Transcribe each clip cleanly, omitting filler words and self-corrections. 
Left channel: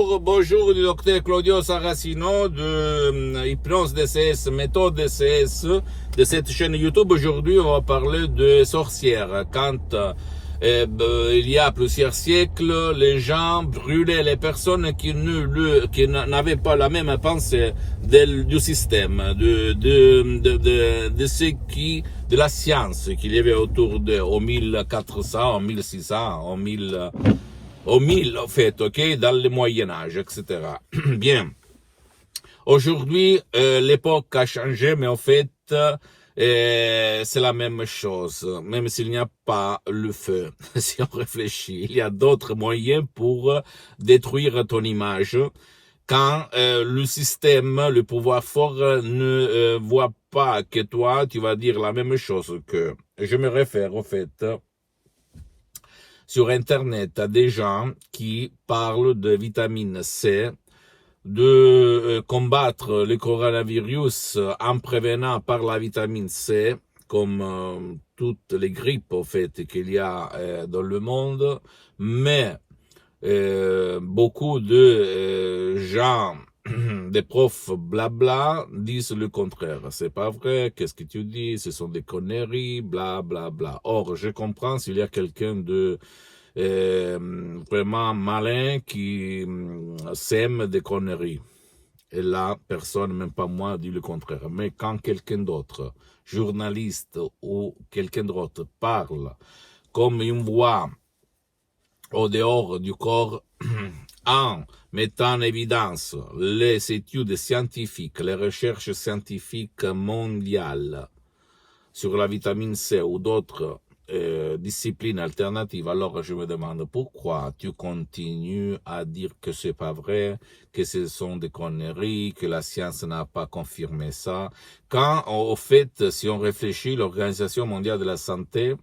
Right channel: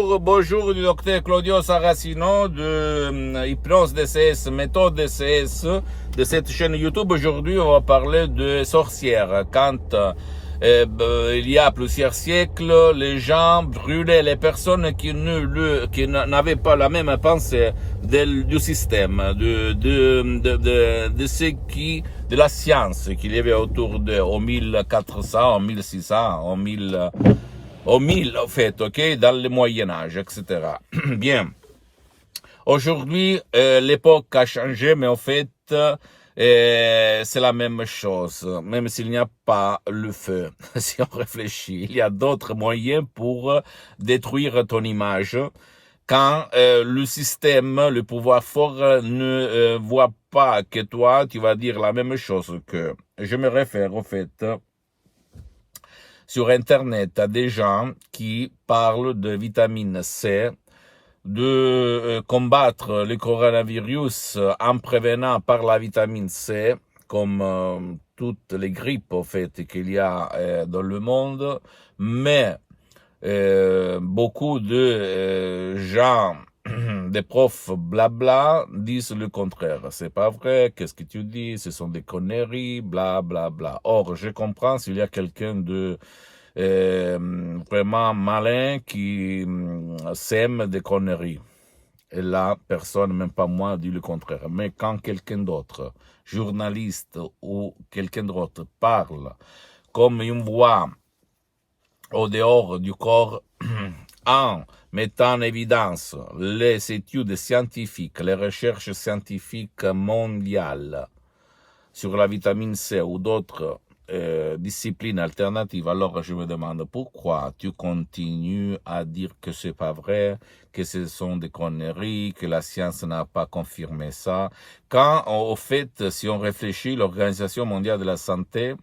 Bonjour du docteur Claudio Saracino de Hypnose DCS, méthode DCS de cette chaîne YouTube. Aujourd'hui, on va parler de sorcières. Quand il y a plusieurs siècles, les gens brûlaient les personnes qui n'avaient pas la même pensée du système, de la science qu'il y avait autour de, au 1400, au 1600, au 1000, en fait, ok, dans le Moyen-Âge, etc. Bien. Aujourd'hui, l'époque a changé, mais en fait, c'est la même chose, même s'il n'y a pas le feu. Si on réfléchit, il y a d'autres moyens pour détruire ton image. Quand le système, le pouvoir fort ne voit pas que toi, tu vas dire la même chose que. Je me réfère, en fait, sur Internet à des gens qui parlent de vitamine C, de combattre le coronavirus en prévenant par la vitamine C, comme toutes les grippes en fait qu'il y a dans le monde, mais beaucoup de gens, des profs blabla, disent le contraire. C'est pas vrai, qu'est-ce que tu dis, ce sont des conneries, bla bla bla. Or, je comprends s'il y a quelqu'un de vraiment malin qui sème des conneries. Et là, personne, même pas moi, dit le contraire. Mais quand quelqu'un d'autre, journaliste ou quelqu'un d'autre, parle comme une voix au dehors du corps, en mettant en évidence les études scientifiques, les recherches scientifiques mondiales sur la vitamine C ou d'autres disciplines alternatives, alors je me demande pourquoi tu continues à dire que c'est pas vrai, que ce sont des conneries, que la science n'a pas confirmé ça, quand au fait, si on réfléchit, l'Organisation mondiale de la santé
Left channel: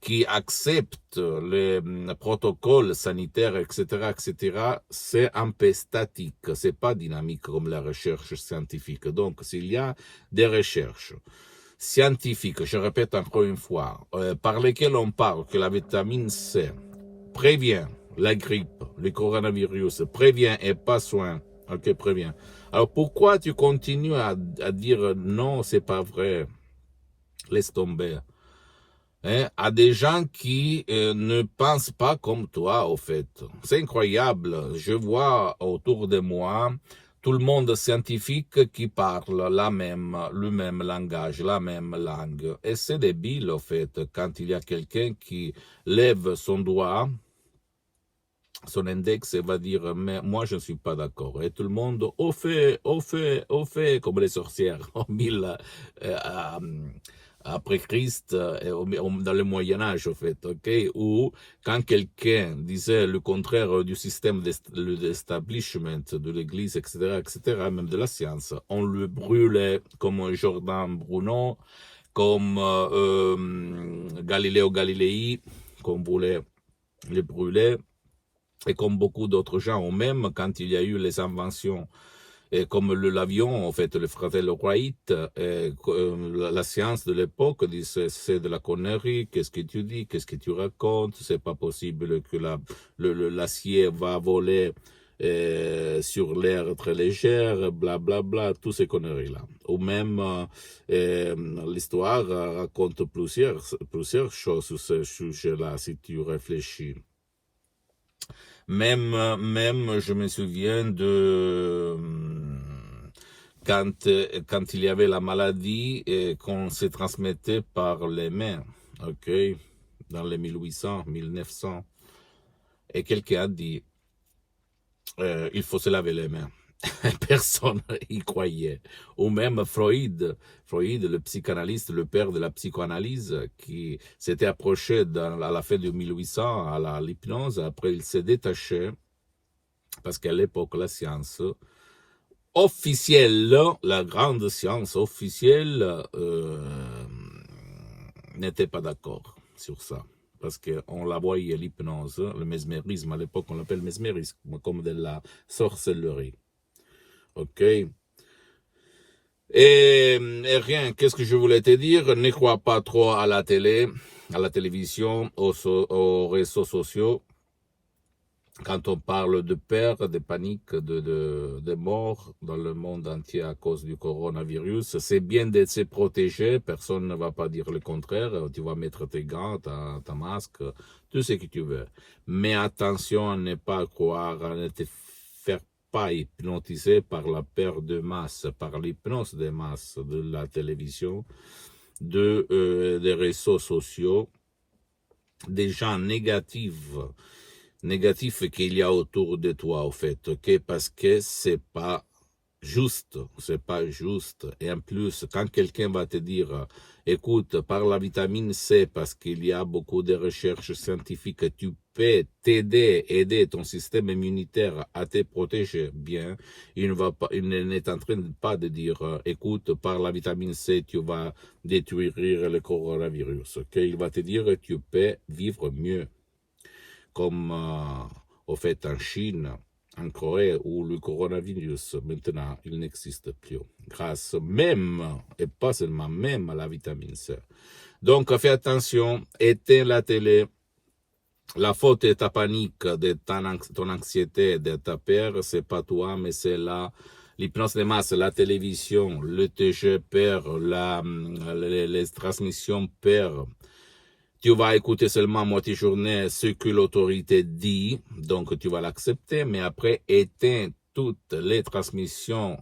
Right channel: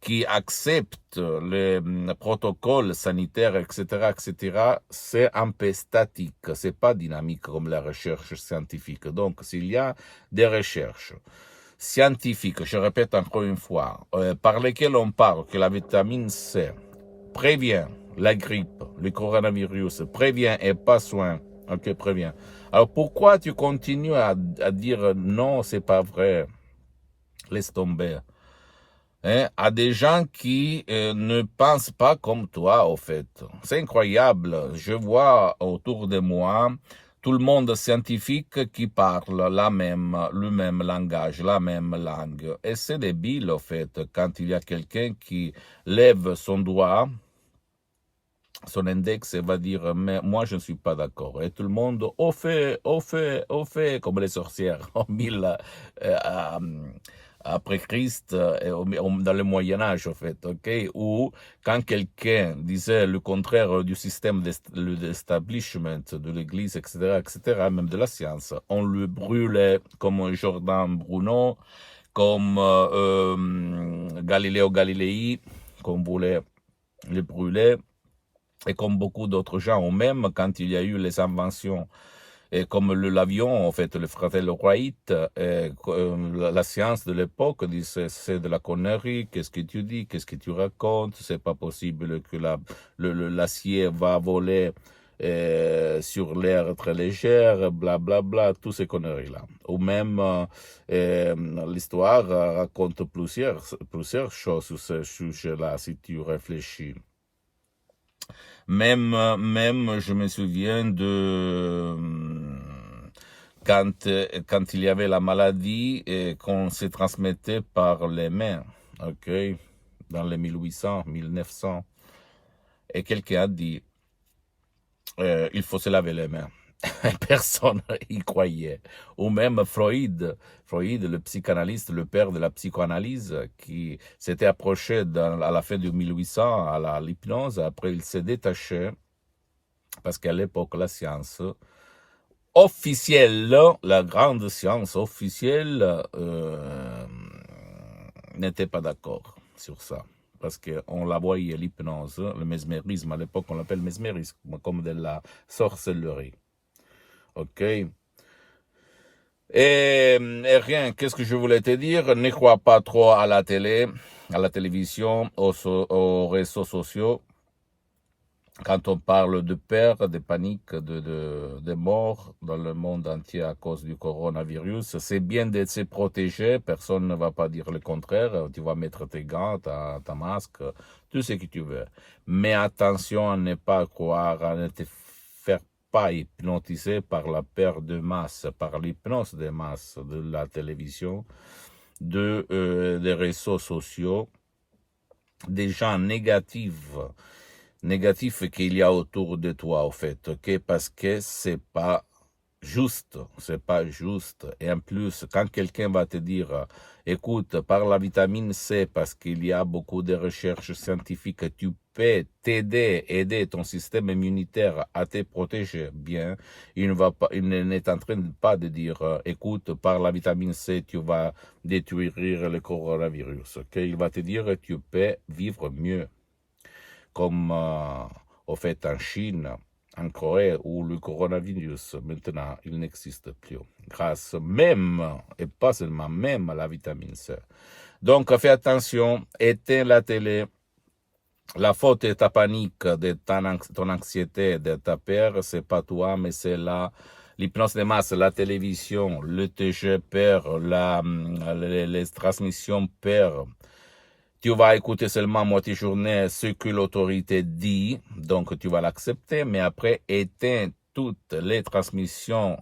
qui accepte les protocoles sanitaires, etc., etc., c'est un peu statique, c'est pas dynamique comme la recherche scientifique. Donc, s'il y a des recherches scientifiques, je répète encore une fois, par lesquelles on parle que la vitamine C prévient la grippe, le coronavirus, prévient et pas soin, ok, prévient. Alors, pourquoi tu continues à dire non, c'est pas vrai, laisse tomber? À des gens qui ne pensent pas comme toi, au fait. C'est incroyable. Je vois autour de moi tout le monde scientifique qui parle le même langage, la même langue. Et c'est débile, au fait, quand il y a quelqu'un qui lève son doigt, son index, et va dire, mais moi, je ne suis pas d'accord. Et tout le monde, au fait, comme les sorcières, en mille, après Christ, dans le Moyen-Âge, en fait, ok? Ou quand quelqu'un disait le contraire du système d'establishment de l'Église, etc., même de la science, on le brûlait comme Jordan Bruno, comme Galileo Galilei, qu'on voulait le brûler, et comme beaucoup d'autres gens, ou même quand il y a eu les inventions et comme l'avion, en fait, le fratello Wright, la science de l'époque dit c'est de la connerie, qu'est-ce que tu dis, qu'est-ce que tu racontes, c'est pas possible que l'acier va voler sur l'air très légère, bla bla bla, toutes ces conneries-là. Ou même l'histoire raconte plusieurs choses sur ce sujet-là, si tu réfléchis. Même, je me souviens de quand il y avait la maladie et qu'on se transmettait par les mains, ok, dans les 1800, 1900, et quelqu'un a dit, il faut se laver les mains. Personne y croyait. Ou même Freud, le psychanalyste, le père de la psychoanalyse, qui s'était approché à la fin de 1800 à l'hypnose. Après, il s'est détaché parce qu'à l'époque, la science officielle, la grande science officielle, n'était pas d'accord sur ça. Parce qu'on la voyait, l'hypnose, le mesmérisme, à l'époque on l'appelle mesmérisme, comme de la sorcellerie. Ok. Et rien, qu'est-ce que je voulais te dire? Ne crois pas trop à la télé, à la télévision, aux réseaux sociaux. Quand on parle de peur, de panique, de mort dans le monde entier à cause du coronavirus, c'est bien de se protéger. Personne ne va pas dire le contraire. Tu vas mettre tes gants, ta masque, tout ce que tu veux. Mais attention à ne pas croire, à ne te faire pas hypnotiser par la peur de masse, par l'hypnose de masse de la télévision, des réseaux sociaux, des gens négatifs qu'il y a autour de toi, au fait, ok? Parce que c'est pas juste, c'est pas juste. Et en plus, quand quelqu'un va te dire, écoute, par la vitamine C, parce qu'il y a beaucoup de recherches scientifiques, tu peux aider ton système immunitaire à te protéger bien, il n'est en train pas de dire, écoute, par la vitamine C, tu vas détruire le coronavirus, ok? Il va te dire, tu peux vivre mieux comme au fait en Chine, en Corée, où le coronavirus, maintenant, il n'existe plus, grâce même, et pas seulement même, à la vitamine C. Donc, fais attention, éteins la télé. La faute de ta panique, de ton anxiété, de ta peur, c'est pas toi, mais c'est l'hypnose de masse, la télévision, le TG peur, les transmissions peur. Tu vas écouter seulement moitié journée ce que l'autorité dit, donc tu vas l'accepter, mais après, éteins toutes les transmissions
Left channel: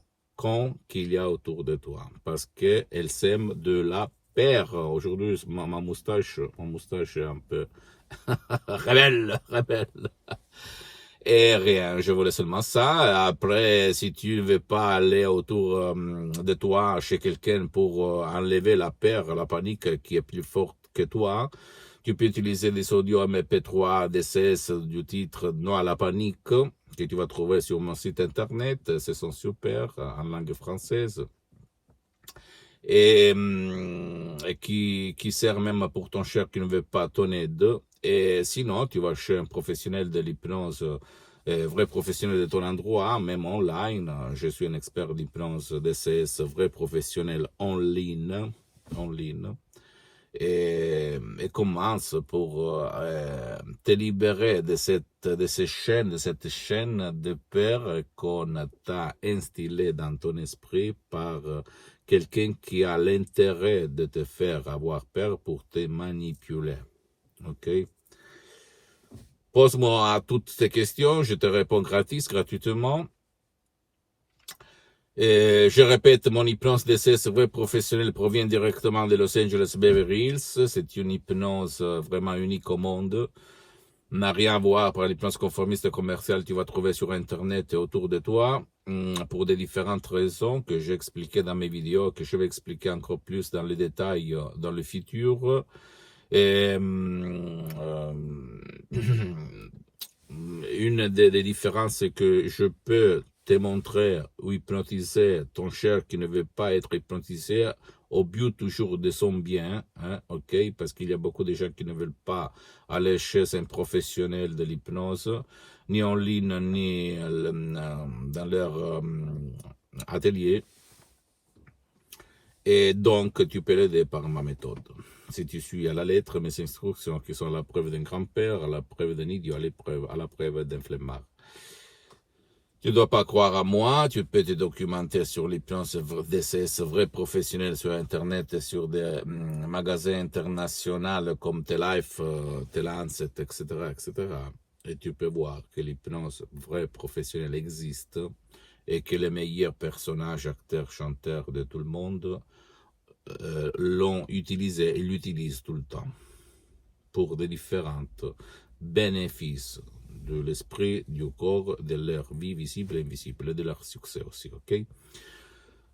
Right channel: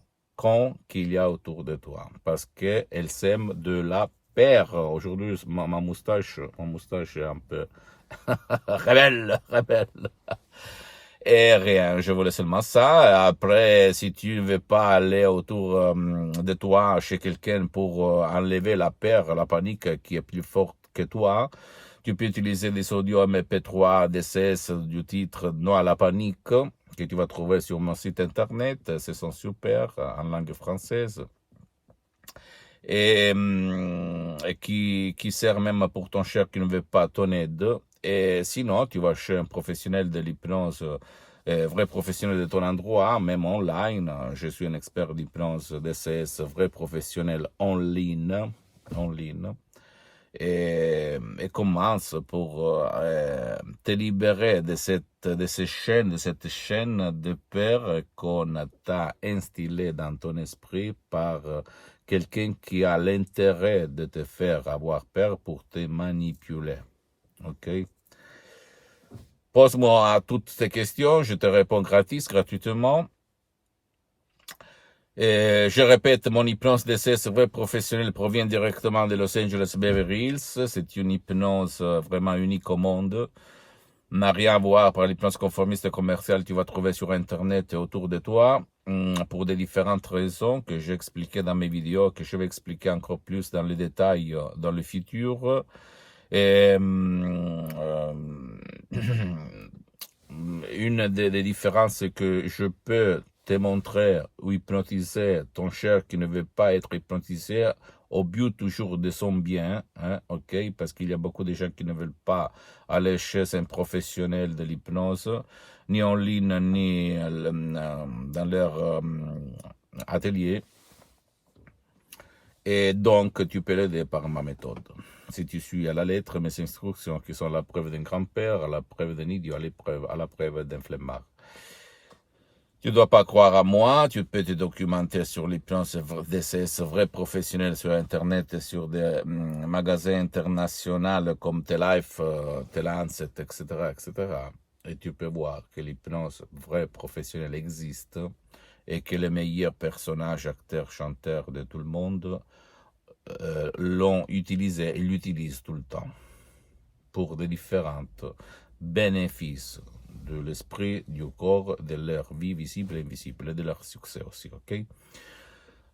qu'il y a autour de toi, parce qu'elles sèment de la peur. Aujourd'hui, ma moustache est un peu rebelle. Et rien, je voulais seulement ça. Après, si tu ne veux pas aller autour de toi, chez quelqu'un pour enlever la peur, la panique qui est plus forte que toi, tu peux utiliser des audios MP3 DCS du titre Non à la panique que tu vas trouver sur mon site internet. Ce sont super en langue française et qui sert même pour ton cher qui ne veut pas ton aide. Et sinon, tu vas chez un professionnel de l'hypnose, vrai professionnel de ton endroit, même online. Je suis un expert d'hypnose DCS, vrai professionnel en ligne. Et commence pour te libérer de cette chaîne de peur qu'on t'a instillée dans ton esprit par quelqu'un qui a l'intérêt de te faire avoir peur pour te manipuler. Ok? Pose-moi à toutes ces questions, je te réponds gratuitement. Et je répète, mon hypnose DCS vrai professionnel provient directement de Los Angeles Beverly Hills. C'est une hypnose vraiment unique au monde. N'a rien à voir par l'hypnose conformiste commerciale que tu vas trouver sur Internet et autour de toi, pour des différentes raisons que j'ai expliquées dans mes vidéos, que je vais expliquer encore plus dans les détails dans le futur. Et une des différences, c'est que je peux te montrer ou hypnotiser ton cher qui ne veut pas être hypnotisé au but toujours de son bien, hein, ok, parce qu'il y a beaucoup de gens qui ne veulent pas aller chez un professionnel de l'hypnose, ni en ligne, ni dans leur atelier. Et donc, tu peux l'aider par ma méthode. Si tu suis à la lettre mes instructions qui sont la preuve d'un grand-père, à la preuve d'un idiot, à la preuve d'un flemmard. Tu ne dois pas croire à moi, tu peux te documenter sur l'hypnose DCS vrai professionnel sur Internet et sur des magasins internationaux comme T-Life, T-Lancet, etc., etc. Et tu peux voir que l'hypnose vrai professionnel existe et que les meilleurs personnages, acteurs, chanteurs de tout le monde l'ont utilisé et l'utilisent tout le temps pour des différents bénéfices de l'esprit, du corps, de leur vie visible et invisible, et de leur succès aussi, ok?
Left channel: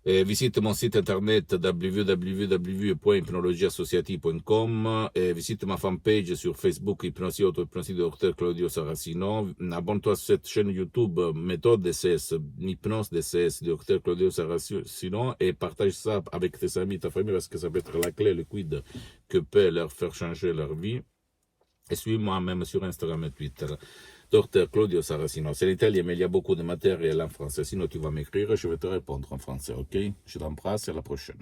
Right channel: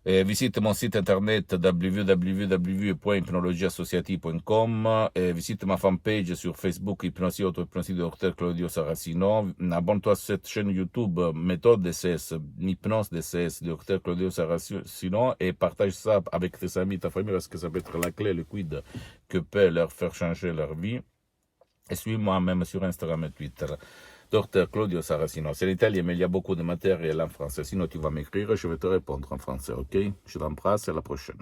Et visite mon site internet www.hypnologieassociative.com et visite ma fanpage sur Facebook Hypnosie Auto-Hypnosie de Dr Claudio Saracino. Abonne-toi à cette chaîne YouTube Méthode DCS, Hypnose DCS de Dr Claudio Saracino et partage ça avec tes amis, ta famille, parce que ça peut être la clé liquide que peut leur faire changer leur vie. Et suis-moi même sur Instagram et Twitter. Dr Claudio Saracino. C'est l'Italie, mais il y a beaucoup de matériel en français. Sinon, tu vas m'écrire et je vais te répondre en français, ok? Je t'embrasse et à la prochaine.